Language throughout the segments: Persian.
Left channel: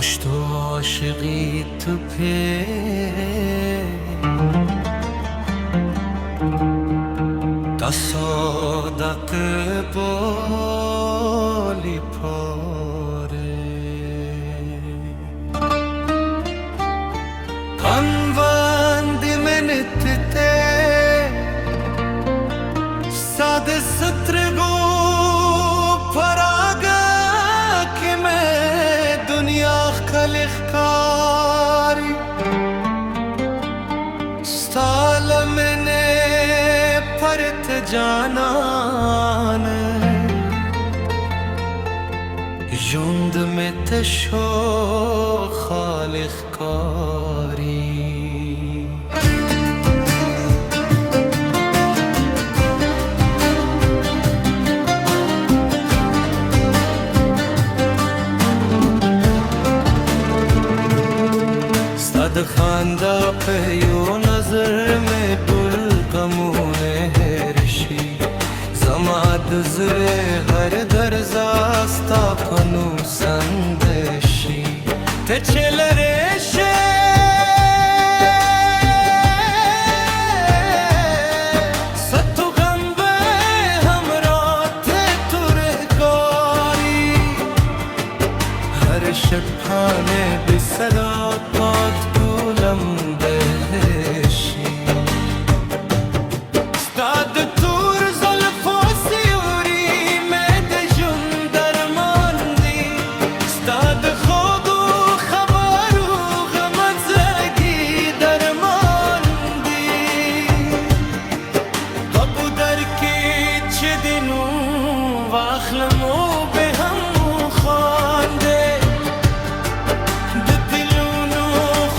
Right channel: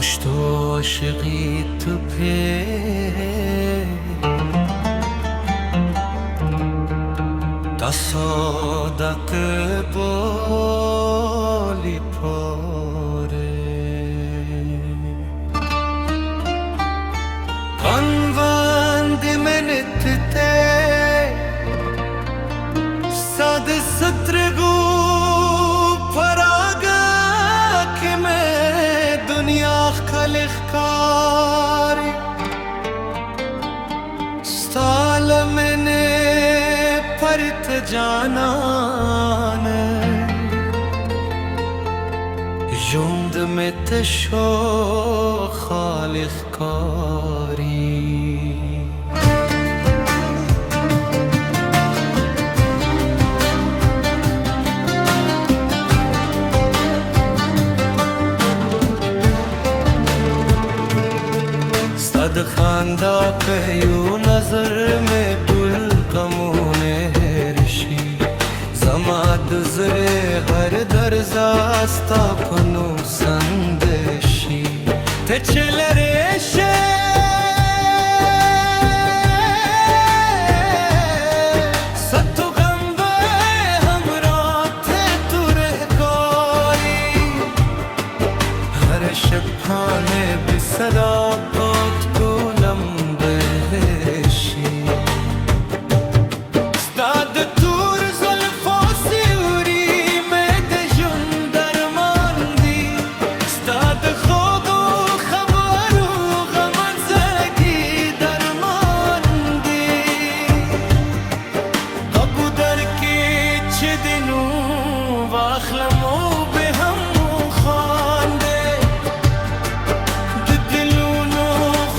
پشت و عاشقی تو پی تصادق بالی پاره kanvandi menette sad satrgu paraga ke main dunya khalikhkari stal mene part janan jund mein tesho khalikhkari सद खांदा पे यू नजर में दुल कमूने ऋषि जमाद जरे हर दर्जास्ता फनु संदेशी ते चल रेशे सत्तु गंबे हमरा थे तुरे कोरी हर शब्दाने बिसरा पौध कुलम बेशी स्ताद तूर ज़ुल्फ़ो सियूरी में दजुन दरमांदी स्ताद खुदू खबरू गमज़गी दरमांदी अबू दर के चिदिनू वाखलमो बेहमू खांदे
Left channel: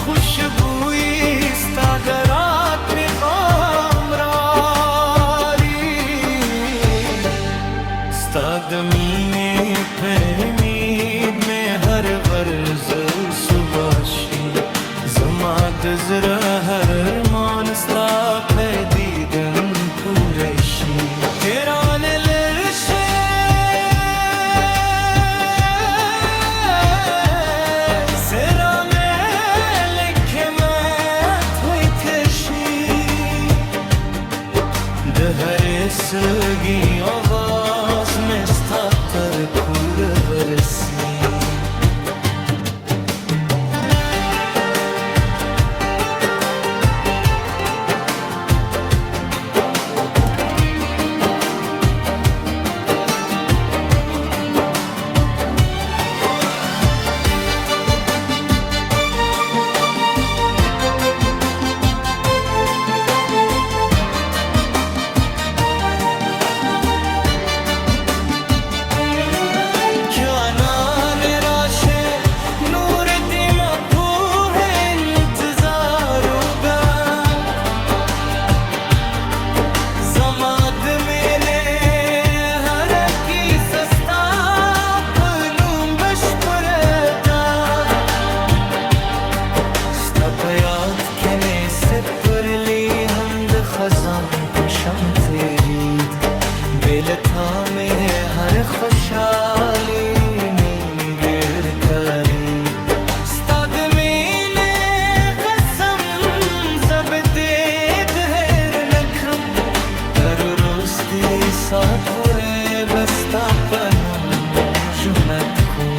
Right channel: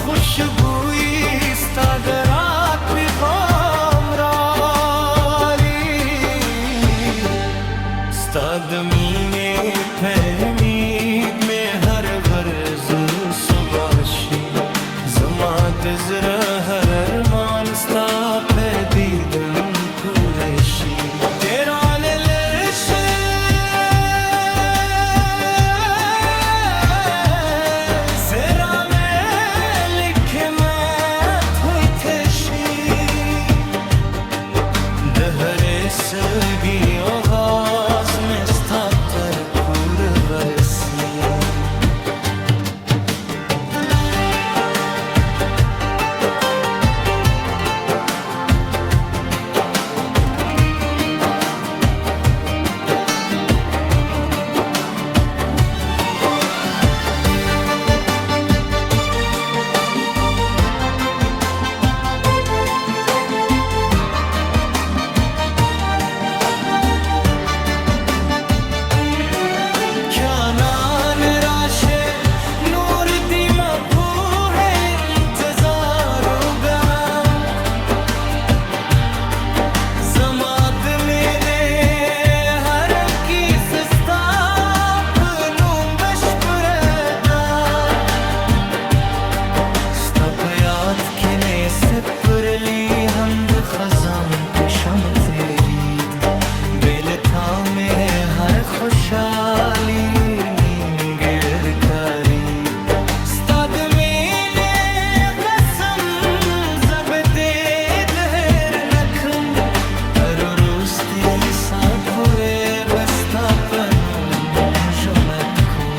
खुशबुई स्तागरात बिगामरारी स्तादमीने फहमीद में हर गर्ज सुबाशी जमाद जरा हर अरमान स्ता फैदीदन पूरेशी तेरा ने लेशे हरे सलगी आवाज में स्तातर पूर बरसी जानान राशे नूर दी मफूह इंतजार होगा जमाद मैंने हर की सस्ता पनुम बशपरेगा स्तापयात खेने से परली हमद खजान पे शम तेरी बेलथा में हर खुशाली निंगर करी स्ताद मैंने कसम जबदे दहर नक्रम तरुरुस्ती सापुरे बस्ता पनु जुनत कुम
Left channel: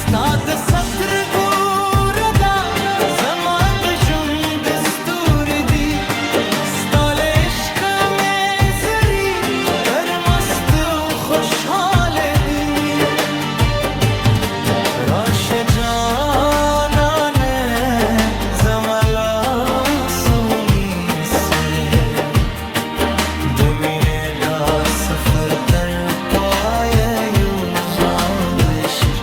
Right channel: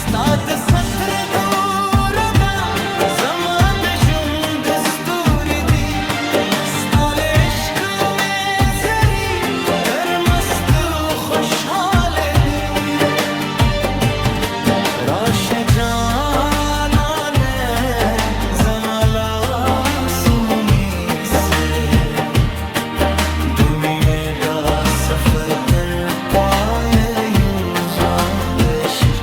स्ताद सत्र दूरदा जमाद जुंद स्तूरी दी स्ताले इश्क खुशहाल दी राश जाना ने जमला सुनी से दुमीने दा सफर कर पाए यूज़ा विश्क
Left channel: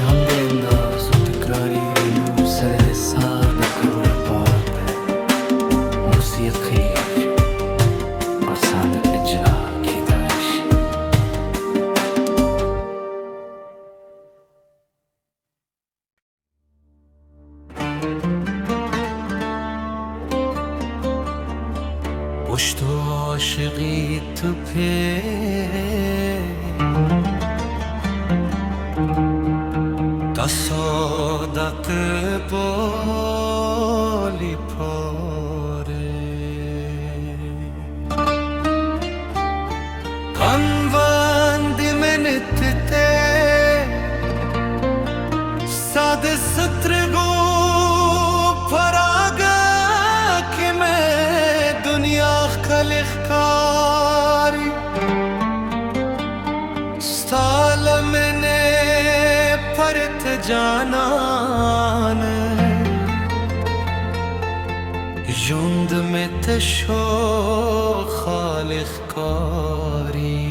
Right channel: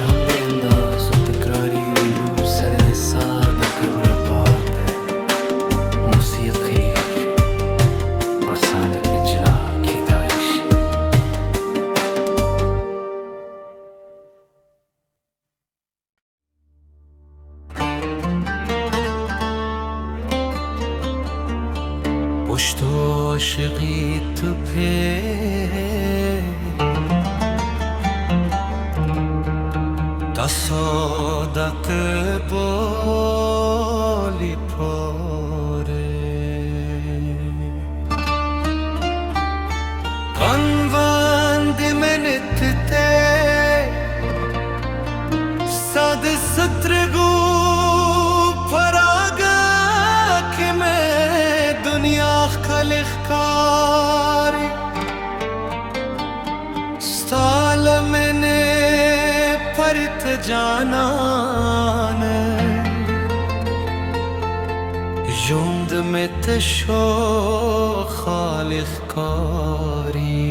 Hamdenda su tekrari vilu serde sada kırıla parambe Musiki Asan icra kidayış پشت عاشقی تو پی تصادق بالی پاره کنوندی منت ته ساد سترگو پراگا که میں دنیا خلق کاری سال میں نے پرت جانان جوند میں تشو خالق کاری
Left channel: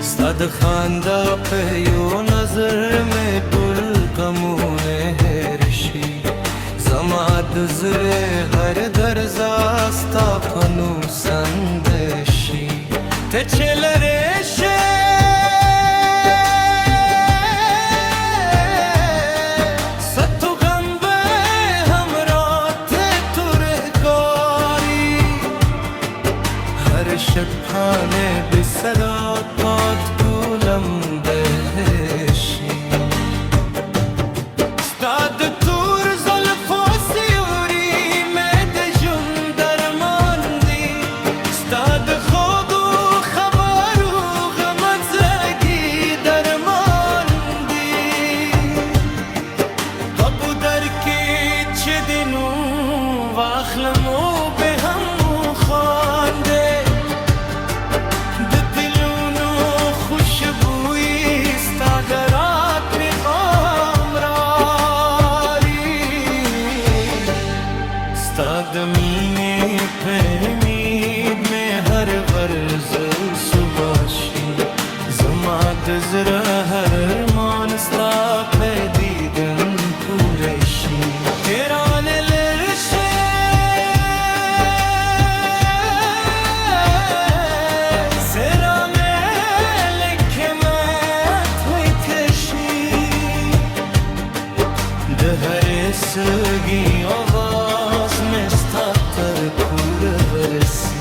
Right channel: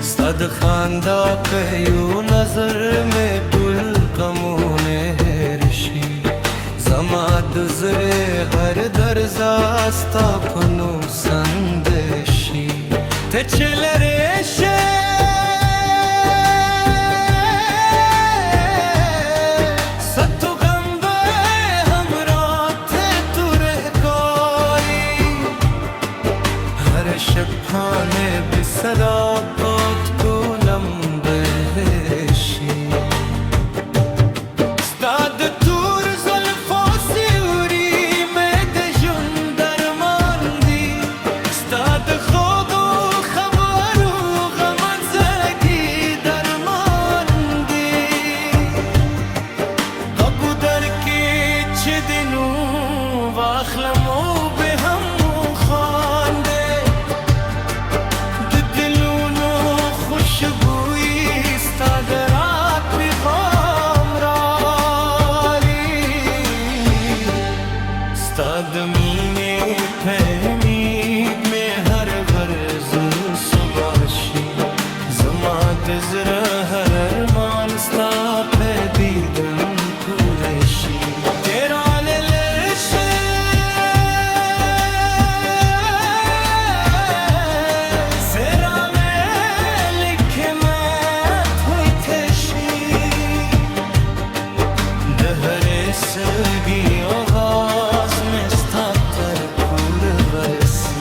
صد خاندا پیو نظر میں دل کمونه هرشی زماد زره هر درزاستا پنو سندشی ته چلرشه ستو غمبه همراه تو رهکاری هر شب خانه بسرا پات کولم بهشی استاد تور زلفو سیوری مد جون درماندی استاد خود و خبر و غمت زگی درماندی قبو در که چه دنو واخلمو به هم خانده خوشبوئی استاگرات پیغام راری استاد مینے پہمید میں ہر غرض صبحشی زماد زرہ ہر ارمان ستا پہ دیدن پورشی تیران لرشے دهر سلگی آواز میں ستاتر پور ورسی